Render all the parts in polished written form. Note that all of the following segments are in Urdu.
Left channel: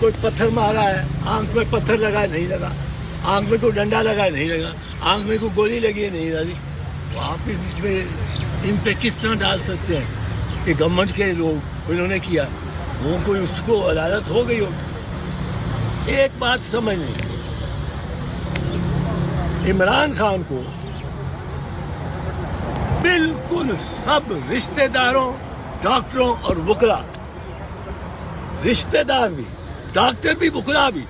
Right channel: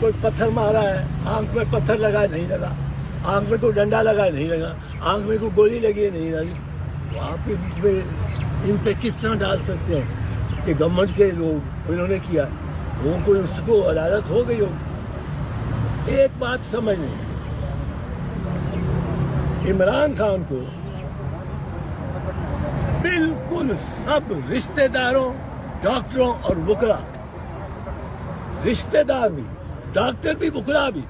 کوئی پتھر مارا ہے، آنکھ میں پتھر لگا ہے نہیں لگا، آنکھ میں کوئی ڈنڈا لگا ہے نہیں لگا، آنکھ میں کوئی گولی لگی ہے نہیں لگی، وہاں پہ بیچ میں ان پہ کس طرح ڈال سکتے ہیں کہ گورنمنٹ کے لوگ انہوں نے کیا، وہ کوئی اس کو عدالت ہو گئی ہوگی۔ ایک بات سمجھ نہیں، عمران خان کو بالکل سب رشتہ داروں، ڈاکٹروں اور وکلا، رشتہ دار بھی، ڈاکٹر بھی، وکلا بھی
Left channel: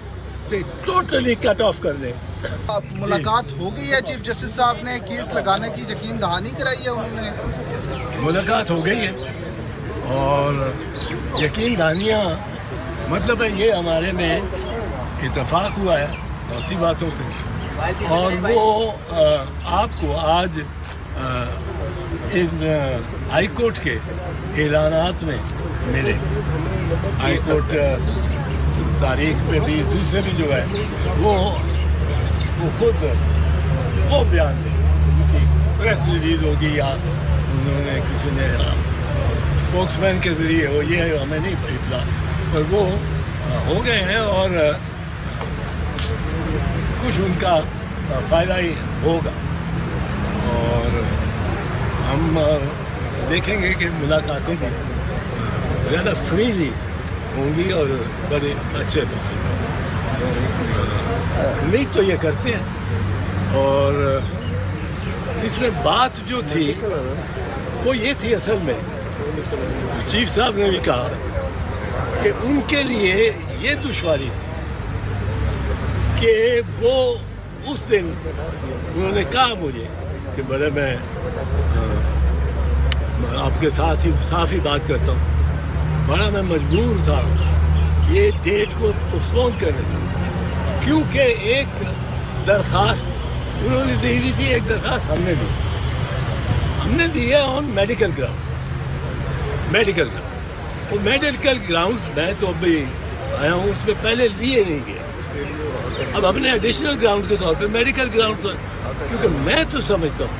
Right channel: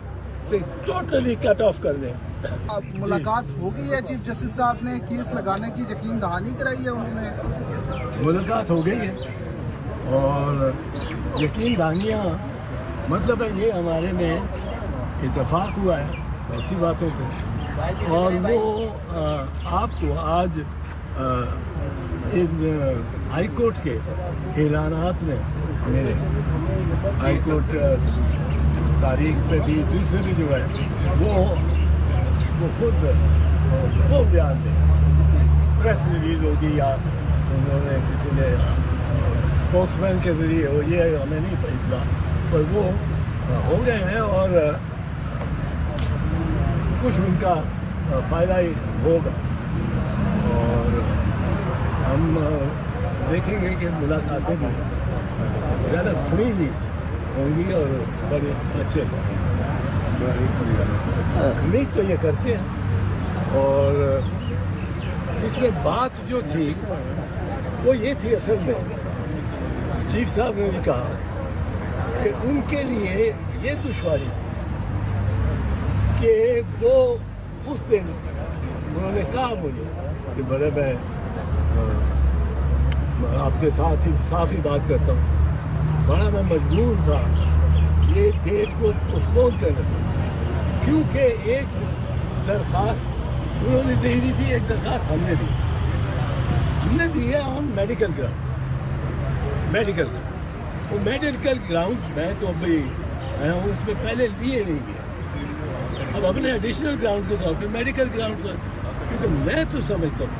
سے ٹوٹلی کٹ آف کر دیں۔ ملاقات ہو گئی ہے چیف جسٹس صاحب نے، کیس لگانے کی یقین دہانی کرائی ہے انہوں نے؟ ملاقات ہو گئی ہے اور یقین دہانیاں مطلب ہے یہ ہمارے میں اتفاق ہوا ہے بہت سی باتوں پہ، اور وہ آپ کو آج ان ہائی کورٹ کے اعلانات میں ملے، ہائی کورٹ تاریخ پہ بھی دوسرے بھی جو ہے وہ خود وہ بیان دیں، پریس ریلیز ہوگی یا انہوں نے کسی نے اسپوکس مین کے ذریعے وہ، یہ ہمیں نہیں اطلاع، پر وہ ہو گئے ہیں اور کچھ ان کا فائدہ ہی ہوگا، اور ہم دیکھیں گے کہ ملاقاتیں بھی زیادہ فریلی ہوں گی اور بڑے اچھے امید تو یہ کرتے ہیں۔ اور اس میں بات جو تھی وہ یہ تھی، اصل میں چیف صاحب نے بھی کہا کہ ان کے لیے یہ دشواری تھی کہ وہ اس دن انہوں نے کہا مجھے کہ بڑے میں آپ کے ساتھ ہی صاف ہی بات کرتا ہوں، بڑا میں مجبور تھا یہ ڈیٹ کو پوسٹپون کرنے کا، کیونکہ ایک درخواست انہوں نے دی ہوئی تھی، ایک درخواست ہم نے دی ہے آن میڈیکل گراؤنڈ، وہ میڈیکل گراؤنڈز میں تو ابھی آیا ہوں، اس میں پہلے لیے نہیں گیا، اب ہم نے ایڈیشنل گراؤنڈ کے طور پہ میڈیکل گراؤنڈ پر، کیونکہ میں تو سمجھتا ہوں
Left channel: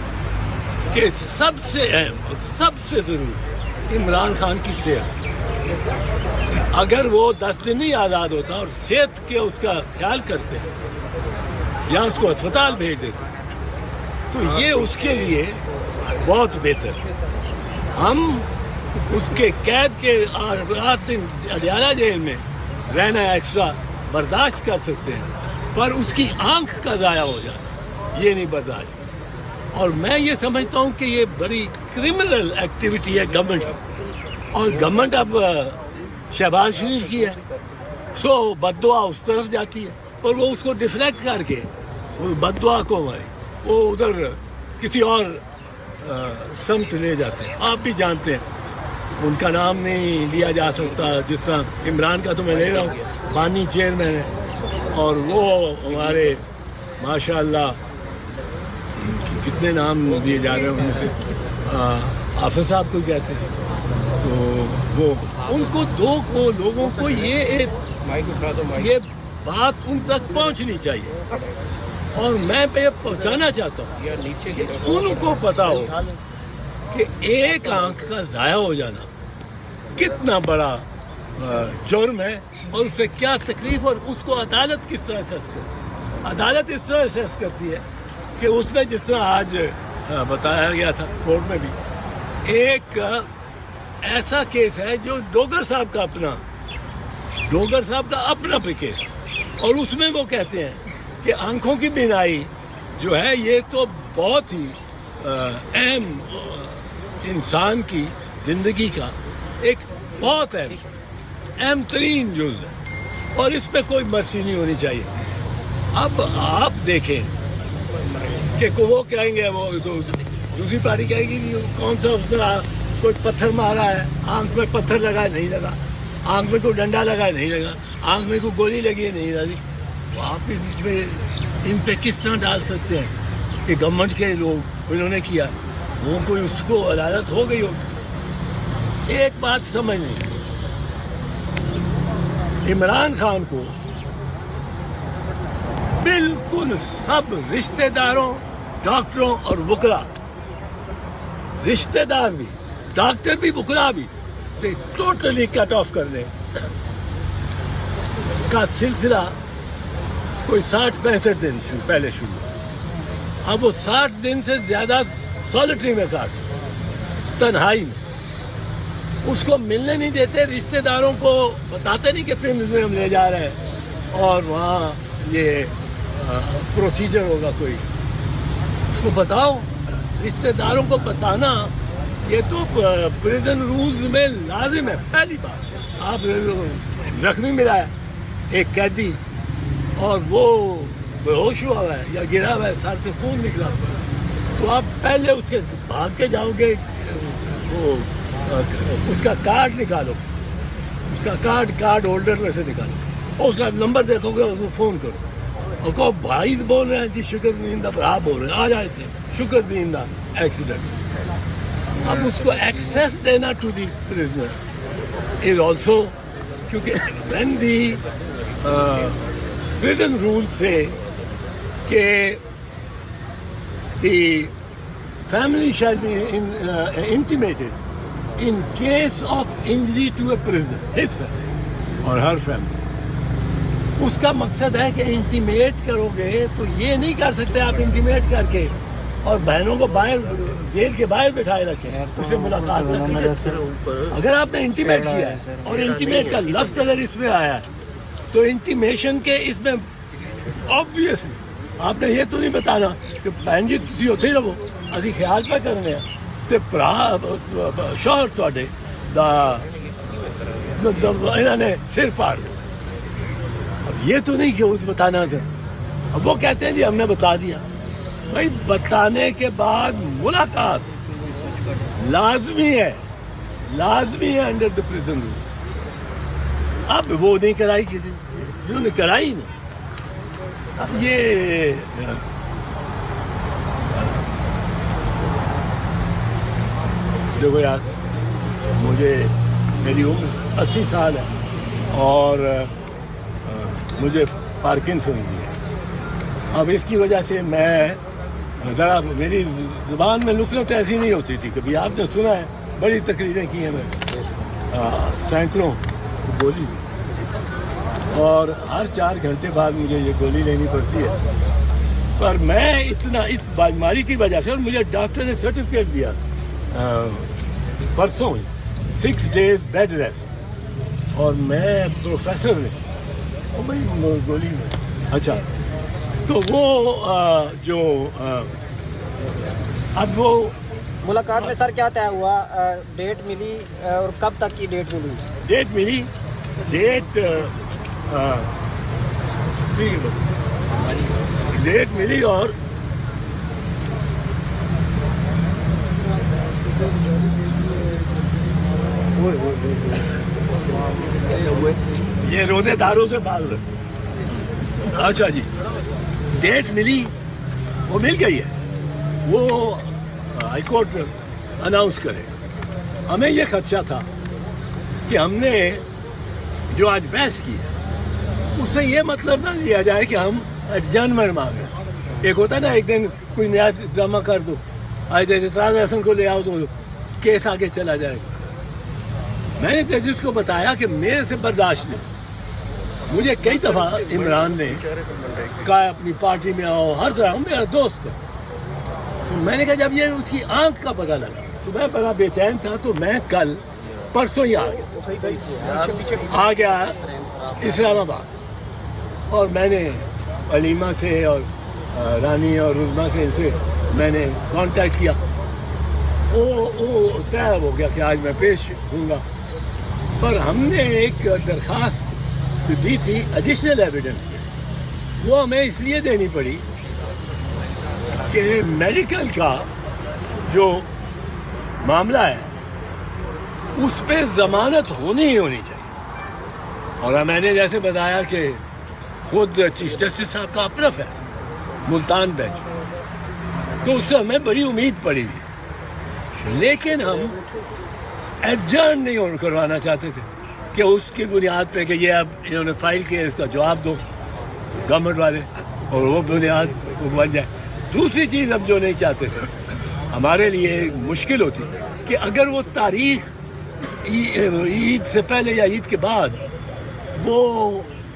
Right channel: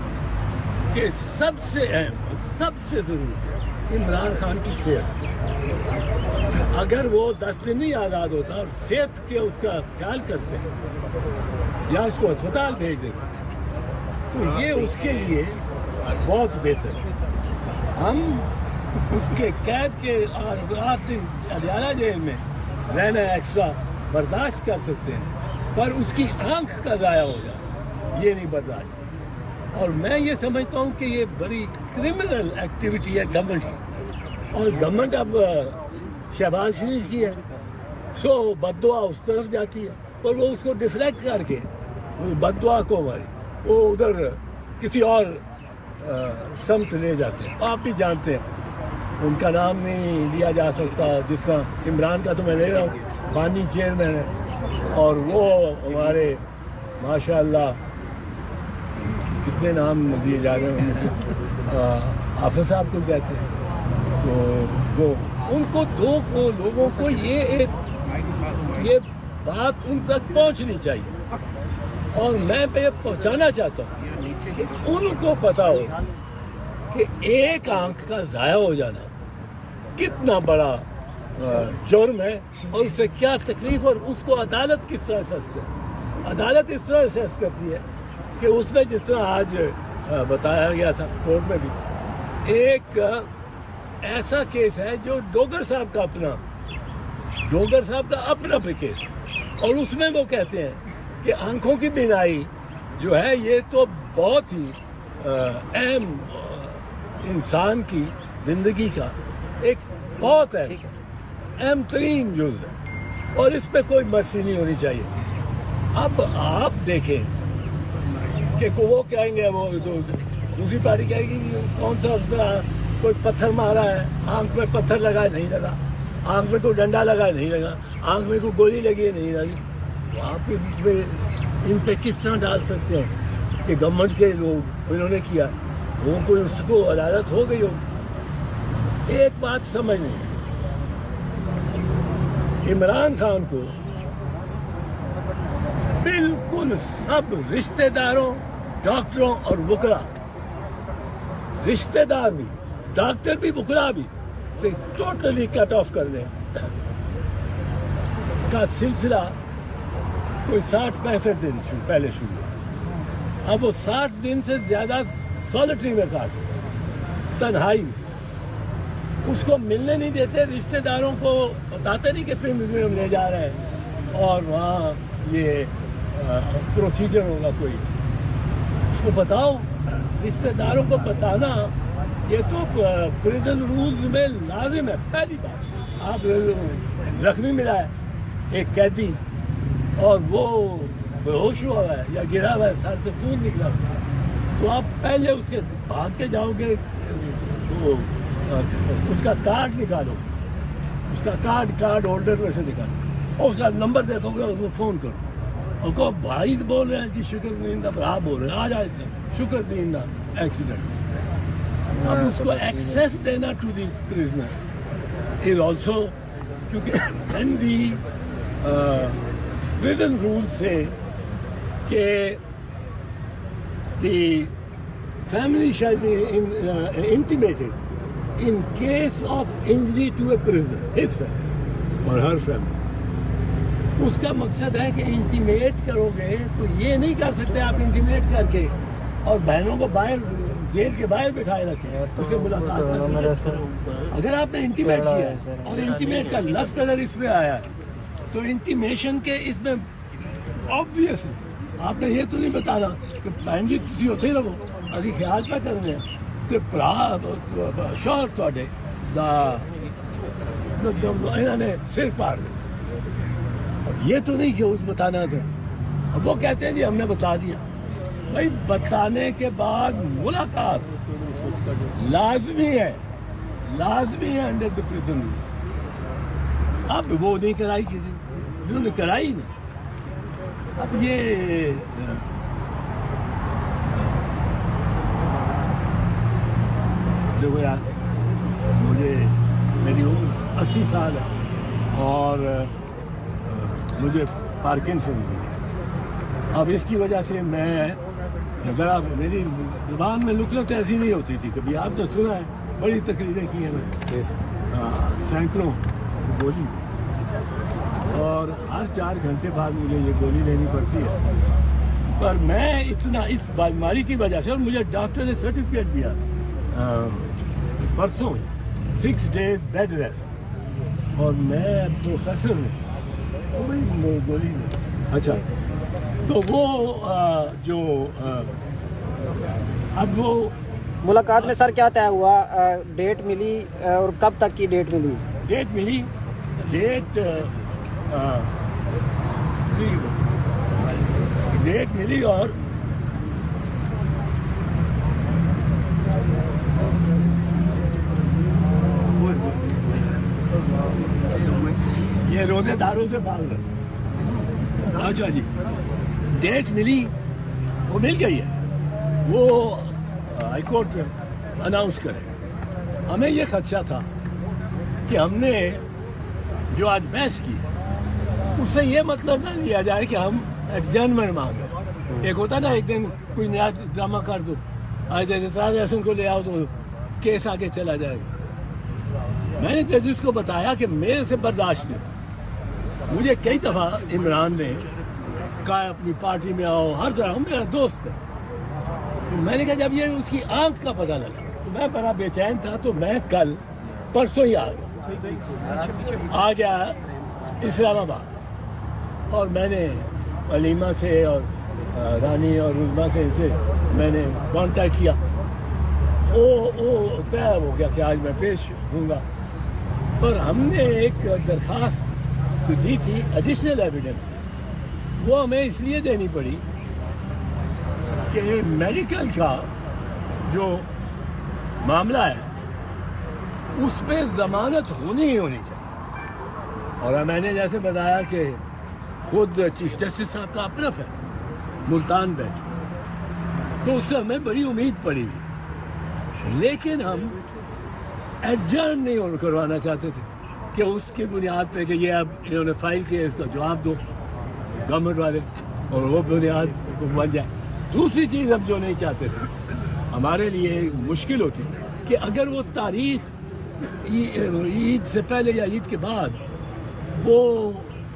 کہ سب سے اہم اور سب سے ضروری عمران خان کی صحت، اگر وہ 10 دن نہیں آزاد ہوتا اور صحت کے اس کا خیال کرتے ہیں یا اس کو اسپتال بھیج دیتے ہیں تو یہ اس کے لیے بہت بہتر ہے۔ ہم اس کے قید کے 8 دن اڈیالہ جیل میں رہنا ایکسٹرا برداشت کر سکتے ہیں، پر اس کی آنکھ کا ضائع ہو جانا یہ نہیں برداشت، اور میں یہ سمجھتا ہوں کہ یہ بڑی کرمنل ایکٹیویٹی ہے گورنمنٹ کی، اور گورنمنٹ اب شہباز شریف کی ہے، سو بد دعا اس طرف جاتی ہے، پر وہ اس کو ڈیفلیکٹ کر کے وہ بد دعا کو ہماری وہ ادھر کسی اور سمت لے جاتے ہیں۔ آپ بھی جانتے ہیں ان کا نام نہیں لیا جا سکتا، جس طرح عمران کا تو میں لے رہا ہوں، بانی چیئرمین ہے، اور وہ ہمارے ماشاءاللہ کتنے نام دیے جا رہے ہیں ان سے، حافظ صاحب کو کہتے ہیں، تو وہ ان کو لوگوں کو یہ بات ان تک پہنچنی چاہیے، اور میں یہ پہنچانا چاہتا ہوں کہ ان کو پتا ہو کہ ایک آنکھ کا ضائع ہو جانا کتنا بڑا جرم ہے، اور اس سے کیا تکلیف، اور اس کو عدالت کس طرح اسیس کرتی ہے۔ عدالت اس طرح اسیس کرتی ہے کہ اس میں جس طرح آج بتایا گیا تھا کورٹ میں بھی، ایک ایسا کیس ہے جو ڈوگر صاحب کا اپنا بھی کیس، اور اس میں وہ کہتے ہیں کہ آنکھوں کی بینائی جو ہے یہ تو بہت ہی اہم انسان کی زندگی کا ایک بہت اہم ترین جز ہے، اور اس پہ کوئی مرسی نہیں ہونی چاہیے۔ اب آپ دیکھیں کہ وہ کہیں گے، وہ دوسری پارٹی کہے گی کون سا اس طرح کوئی پتھر مارا ہے، آنکھ میں پتھر لگا ہے نہیں لگا، آنکھ میں کوئی ڈنڈا لگا ہے نہیں لگا، آنکھ میں کوئی گولی لگی ہے نہیں لگی، وہ آپ کے بیچ میں ان پہ کس طرح ڈال سکتے ہیں کہ گورنمنٹ کے لوگ انہوں نے کیا، وہ کوئی اس کو عدالت ہو گئی ہوگی۔ ایک بات سمجھ نہیں، عمران خان کو بالکل سب رشتہ داروں، ڈاکٹروں اور وکلا، رشتہ دار بھی، ڈاکٹر بھی، وکلا بھی سے ٹوٹلی کٹ آف کر دیں۔ کا سلسلہ کوئی 60-65 دن پہلے شروع ہوا. اب وہ 60 دن سے زیادہ سالٹری میں کاٹ, تنہائی میں. اس کو ملنے نہیں دیتے, رشتہ داروں کو بتاتے نہیں کہ پرمز میں ہم لے جا رہے ہیں اور وہاں یہ پروسیجر ہوگا کوئی. اس کو بتاؤ, رشتہ داروں کو بتانا یہ تو پریزن رولز میں لازم ہے. پہلی بات, آپ زخمی ملا ہے ایک قیدی اور وہ بے ہوش ہوا ہے یا گرا ہوا ہے, سر سے خون نکلا ہوا ہے, تو آپ پہلے اس کے بھاگ کے جاؤ گے, وہ اس کا کارڈ نکالو, اس کا کارڈ ہولڈر میں سے نکالو اور اس کا نمبر دیکھو گے, اس کو فون کرو اور کہو بھائی بول رہے ہیں جی شکر زندہ, پر آپ بول رہے ہیں آ جائے تھے شکر زندہ ایکسیڈنٹ. اب اس کو ایکسیس دینا to the prisoner is also, کیونکہ وین دی پرزن رول سے کہ the family shall be intimidated in case of injury to a prisoner, his family or her family. اس کا مقصد ہے کہ انٹیمیٹ کرو گے تو یہ نہیں کر سکتے آپ انٹیمیٹ کر کے اور بہنوں کو باہر جیل کے باہر بٹھائے رکھیں, اس سے ملاقات نہ کریں. اگر آپ نے انٹیمیٹ کیا ہے اور انٹیمیٹ کا لفظ اگر اس میں آیا ہے تو انٹیمیشن کے اس میں آبویسلی آپ نے یہ تو نہیں بتانا کہ بہن جی تسی اتھے ہی رہو, اسی خیال پہ کرنے ہیں تے شوہر تواڈے دا انہوں نے سر پاڑ دیا. اب یہ تو نہیں کہ اس بتانا تھا. اب وہ کہتے ہیں جی ہم نے بتا دیا. بھائی بتانے کے بعد ملاقات لازمی ہے انڈر دا پریزن رول. اب وہ نہیں کرائی کسی, انہوں نے کرائی نہیں. اب یہ دیکھو یار, مجھے میری عمر 80 سال ہے اور مجھے پارکنسن بھی ہے. اب اس کی وجہ سے میں ذرا میری زبان میں نکلت ایسی نہیں ہوتی تھی. کبھی آپ نے سنا ہے, بڑی تقریریں کی ہیں میں, سینکڑوں گولی, اور ہر 4 گھنٹے بعد مجھے یہ گولی لینی پڑتی ہے. پر میں اتنا اس بیماری کی وجہ سے, اور مجھے ڈاکٹر نے سرٹیفکیٹ دیا پرسوں ہی 6 days بیڈ ریسٹ, اور میں پروفیسر نے بھائی گولی میں. اچھا تو وہ جو اب وہ ملاقات میں سر کیا طے ہوا, ڈیٹ ملی اور کب تک کی ڈیٹ ملی؟ ڈیٹ ملی, ڈیٹ ملی اور یہ روزے داروں سے بات رہے. اچھا جی, ڈیٹ ملی, وہ مل گئی ہے, وہ ہائی کورٹ اناؤنس کرے. ہمیں یہ خدشہ تھا کہ ہم نے جو آج بحث کی ہے اس سے یہ مطلب نہ لیا جائے کہ ہم ایڈجرنمنٹ مانگ رہے ہیں. ایک ہوتا ہے نا ایک دن کوئی نیا ڈرامہ کر دو, آج اعتراض احسن کو لے آؤ تو کیس آگے چلا جائے گا. میں نے ججز کو بتایا کہ میرے سے برداشت نہیں. مجھے کئی دفعہ عمران نے کہا اپنی پارٹی میں آؤ, ہر طرح, میرا دوست ہے. تو میں نے کہا جب یہ اس کی آنکھ کا پتہ لگا تو میں بڑا بے چین تھا, تو میں کل پرسوں ہی آ گیا اسلام آباد, اور میں نے علیمہ سے اور رانی اور عظمیٰ سے ان سے میں نے کانٹیکٹ کیا. وہ طے ہو گیا کہ آج میں پیش ہوں گا. پر ہم نے ایک درخواست دی تھی ایڈیشنل ایویڈنس کی, وہ ہمیں اس لیے دینی پڑی کہ میڈیکل کا جو معاملہ ہے اس پہ ضمانت ہونی ہی ہونی چاہیے. اور میں نے جیسے بتایا کہ خود چیف جسٹس صاحب کا اپنا فیصلہ ملتان بینچ, تو اس سے ہمیں بڑی امید پڑی ہوئی. لیکن ہم ایڈجرن نہیں کروانا چاہتے تھے کہ اس کی بنیاد پہ کہ یہ اب انہوں نے فائل کیا, اس کا جواب دو گورنمنٹ والے, اور وہ بنیاد بن جائے. دوسری چیز ہم جو نہیں چاہتے تھے, ہمارے لیے مشکل ہوتی کہ اگر وہ تاریخ عید سے پہلے یا عید کے بعد وہ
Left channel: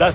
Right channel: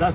10